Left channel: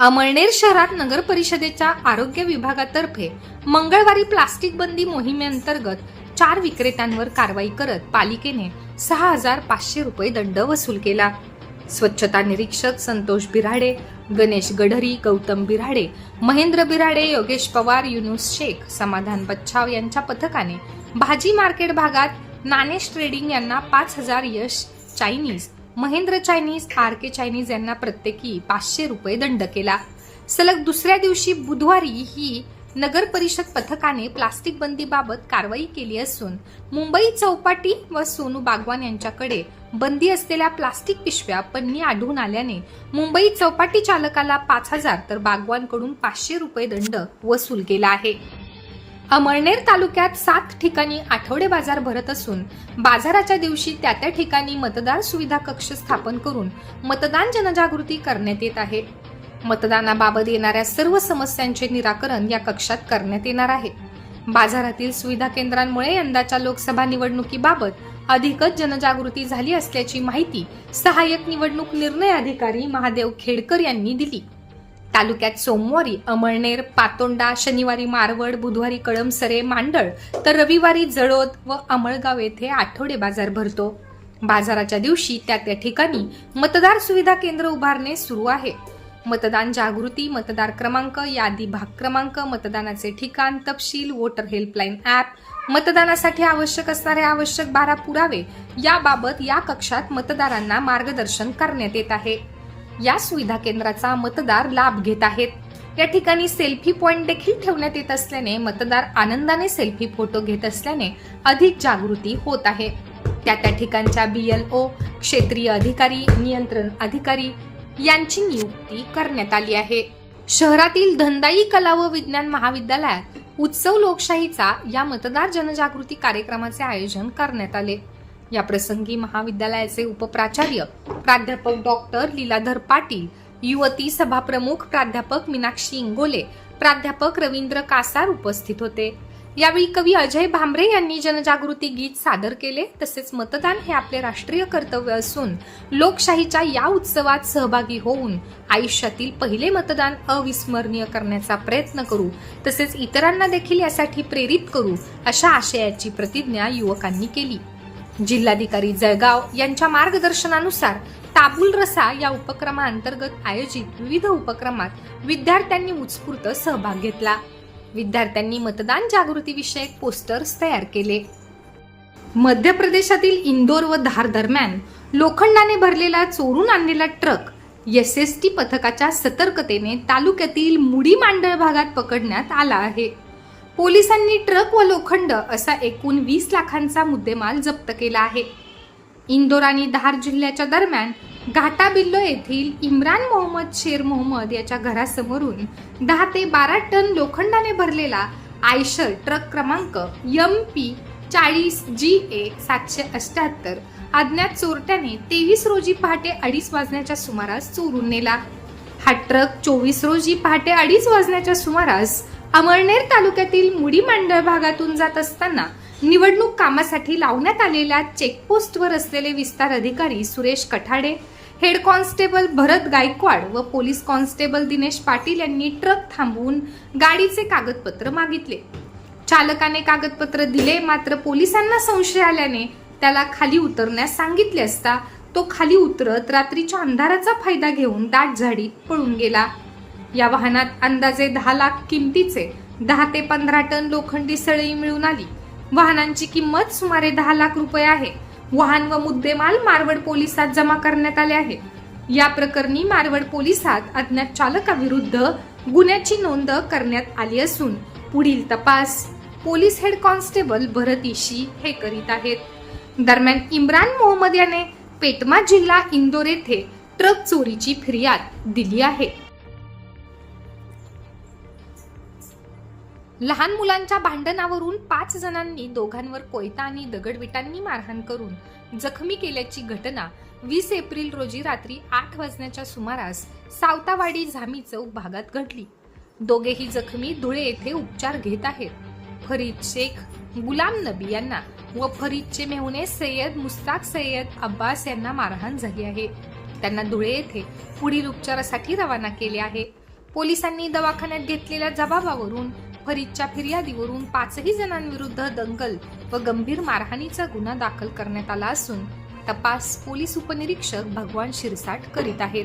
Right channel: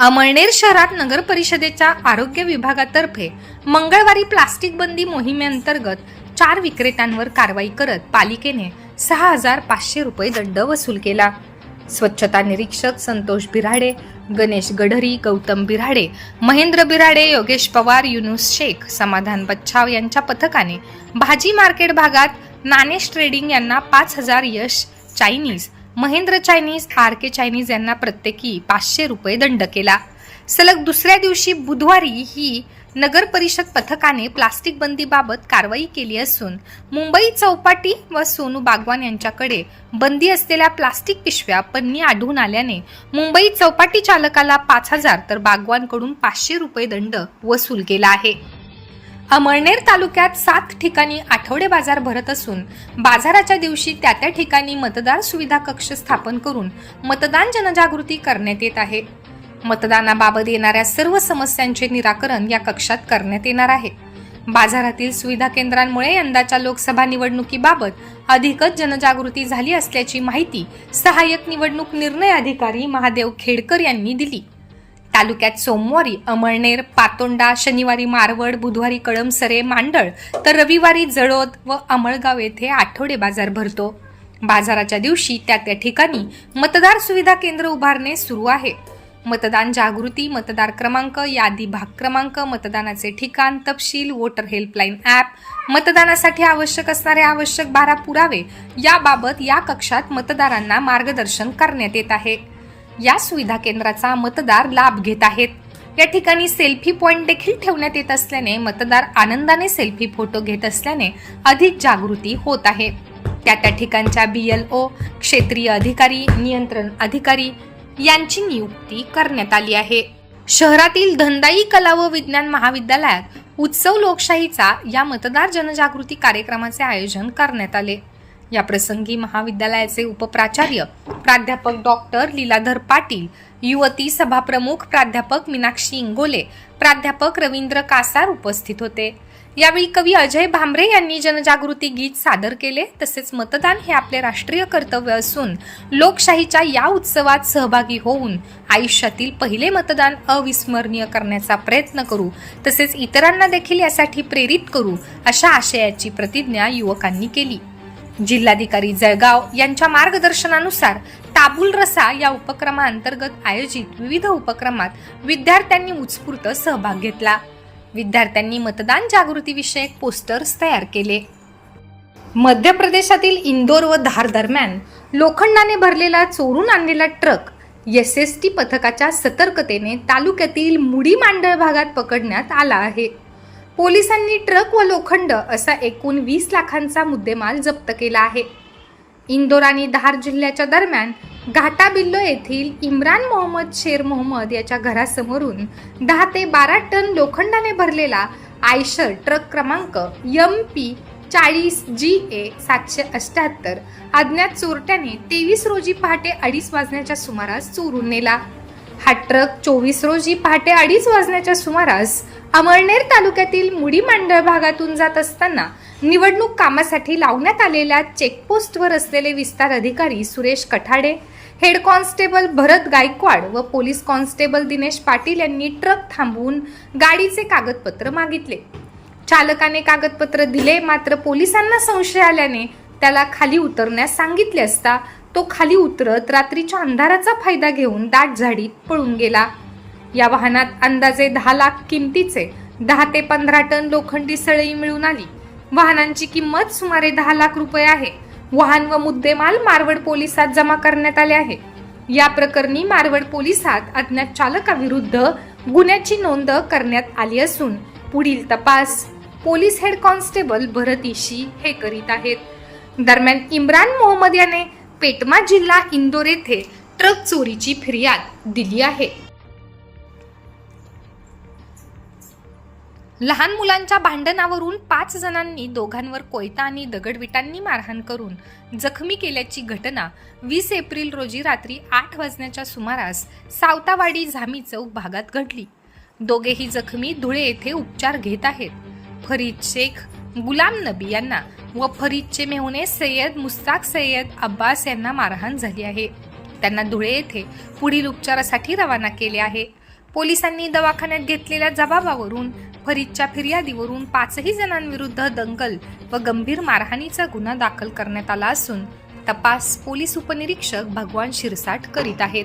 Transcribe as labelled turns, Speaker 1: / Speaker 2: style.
Speaker 1: अमळनेर शहरात नगर परिषदेच्या आरोग्य विभागातर्फे मंगळवारी प्लास्टिक बंदी मोहिमेअंतर्गत चार विक्रेत्यांवर कारवाई करत पालिकेने सहा हजार पाचशे रुपये दंड वसूल केला. स्वच्छता निरीक्षक संतोष बिराडे गणेश गढरी गौतम बिराडे महेंद्र बिराडे योगेश पवार युनुस शेख समाधान बच्छाव यांच्या पथकाने भाजी मार्केट भागात नानेश ट्रेडिंग यांना पाच हजार Yash Chinese Mahendra Chinese R K Chinese यांना प्रत्येकी पाचशे रुपये दंड केला. सलग दुसऱ्या दिवशी बुधवारी ही नगर परिषद पथकाने प्लास्टिक बंदीबाबत कारवाई केली असून मुंबई चौपाटी व सोनू बागवान यांच्याकडे बंदी असलेल्या प्लास्टिक पिशव्या पन्नी आढळून आल्याने मुंबई चौपाटी चालकाला पाच हजार तर बागवानकडून पाचशे रुपये दंड वसूल केला आहे. अमळनेर तालुक्यात सात ठिकाणी आठवडे बाजार भरत असून बाजाराच्या दिवशी त्या त्या ठिकाणी मतदार सुविधा कक्ष स्थापन करून मतदान जनजागृती करण्यात येत आहे. मतदानाबाबत येणाऱ्या सर्व समस्यांचे निराकरण या कक्षात करण्यात येणार आहे. बाजारातील सुविधा केंद्रांमुळे यंदाच्या लोकसभा निवडणुकीबाबत अधिकच जनजागृती झाली असल्याची माहिती सहाय्यक निवडणूक निर्णय अधिकारी महादेव खेडकर यांनी दिली. तालुक्यात सोमवारी अमळनेर पातोंडा शनिवारी मारवड बुधवारी कळमसरे मांडळ तर रविवारी जळोद व अमळगाव येथे आठवडे बाजार भरतो. बाजाराच्या दिवशी त्या त्या ठिकाणी मतदार सुविधा केंद्र उभारणे सुरू आहे. मतदान जागृती मतदार क्रमांक यादी भाग क्रमांक मतदानाचे ठिकाण तपशील वोटर हेल्पलाईन ॲप मतदानासाठी आवश्यक असणारे आवश्यक बारा पुरावे याबाबत या कक्षात मतदारांना मार्गदर्शन करण्यात येत आहे. या सुविधा केंद्राचा मतदार लाभ घेत आहेत. या ठिकाणी सेल्फी पॉइंट देखील ठेवण्यात येत असल्याने मतदार आनंदाने सेल्फी फोटो घेत असल्याने अधिक जागृती होत आहे. त्या त्या ठिकाणच्या बी एल ओ क्षेत्रीय अधिकारी नियंत्रण अधिकारी यांची नियुक्ती करण्यात आली आहे. शहरातील धंदाई कला व विज्ञान महाविद्यालयात उत्सव लोकशाहीचा या मतदार जनजागृती कार्यक्रमाचे आयोजन करण्यात आले. या प्रसंगी महाविद्यालयाचे उपप्राचार्य प्राध्यापक डॉक्टर लीलाधर पाटील युवती सभाप्रमुख प्राध्यापक मीनाक्षी इंगोले प्राध्यापक रवींद्र कासार उपस्थित होते. यावेळी कवी अजय भांबरे यांनी जनजागृती गीत सादर केले. तसेच मतदान हे आपले राष्ट्रीय कर्तव्य असून लोकशाहीच्या या उत्सवात सहभागी होऊन आयुष्यातील पहिले मतदान अविस्मरणीय करण्याचा प्रयत्न करू. तसेच इतरांना देखील यासाठी प्रेरित करू अशा आशयाची प्रतिज्ञा युवकांनी केली. जिल्हाधिकारी जळगाव यांच्या मार्गदर्शनानुसार ताबुल रसा या उपक्रमाअंतर्गत आयोजित विविध उपक्रमात विद्यार्थ्यांनी उत्स्फूर्त सहभाग घेतला. विद्यार्थ्यांनी मतदान जागृती विषयक पोस्टर्स तयार केले. मध्य प्रदेशातील इंदोर व धार दरम्यान लोखंडाने भरलेला चोरून आणलेला ट्रक एस एस टी पथकाच्या सतर्कतेने तालुक्यातील मुडी मांडळ भागात पकडण्यात आला आहे. पोलिसांनी ट्रक व लोखंड असा एकूण वीस लाखांचा मुद्देमाल जप्त केला आहे. इंदोर आणि धार जिल्ह्याच्या दरम्यान घाटाबिल्लो येथील इम्रान मोहम्मद शेर मोहम्मद याच्या घरासमोरून दहा ते बारा टन लोखंडाने भरलेला आयशर ट्रक क्रमांक यम पी चाळीस जी ए सातशे अष्ट्याहत्तर अज्ञात चोरट्याने तेवीस रोजी पहाटे अडीच वाजण्याच्या सुमारास चोरून नेला. हा ट्रक चोवीस रोजी पहाटे अडीच वाजण्याच्या सुमारास अमळनेर तालुक्यातील मुडी मांडळ भागातून जात असताना निवडणूक कामासाठी लावण्यात आलेल्या चेकपोस्टवर असलेले विस्तार अधिकारी सुरेश कठाडे हेड कॉन्स्टेबल भरत गायकवाड व पोलीस कॉन्स्टेबल दिनेश पाटील यांनी ट्रक थांबवून गाडीचे कागदपत्र मागितले. चालकाने कागदपत्र दिले मात्र पोलिसांना संशय आल्याने त्याला खाली उतरण्यास सांगितले असता तो खाली उतरत रात्रीच्या अंधाराचा फायदा घेऊन दाट झाडीत पळून गेला. या वाहनात अंदाजे दहा लाख किमतीचे दहा ते पंधरा टन लोखंडी सळई मिळून आली. वाहनांची किंमत सुमारे दहा लाख रुपये आहे. वाहन व मुद्देमाल मारवड पोलिसात जमा करण्यात आले आहे. या प्रकरणी मारवड पोलिसात अज्ञात चालकाविरुद्ध गुन्ह्याची नोंद करण्यात आली असून पुढील तपास पोलीस हेड कॉन्स्टेबल भरत इशी हे करीत आहेत. दरम्यान इम्रान मोहम्मद याने पेटमा जिल्हा इंदोर येथे ट्रक चोरीची फिर्याद दिली आहे. लहान मुलांच्या भांडणावरून पाच जणांनी दोघांवर कोयता आणि दगडविटांनी मारहाण करून जखमी केल्याची घटना वीस एप्रिल रोजी रात्री आठ वाजण्याच्या सुमारास सावतावाडी झामी चौक भागात घडली. दोघेही जखमी धुळे येथे उपचार घेत आहेत. फरीद शेख गुलाम नबी यांना व फरीदचे मेहुणे सय्यद मुस्ताक सय्यद अब्बास यांना मारहाण झाली आहे. त्यांना धुळे येथे पुढील उपचारासाठी रवाना केले आहे. पोलिसांनी दवाखान्यात घेतलेल्या जबाबावरून फरीदच्या फिर्यादीवरून पाचही जणांविरुद्ध दंगल व गंभीर मारहाणीचा गुन्हा दाखल करण्यात आला असून तपास पोलीस उपनिरीक्षक भगवान शिरसाट करीत आहेत.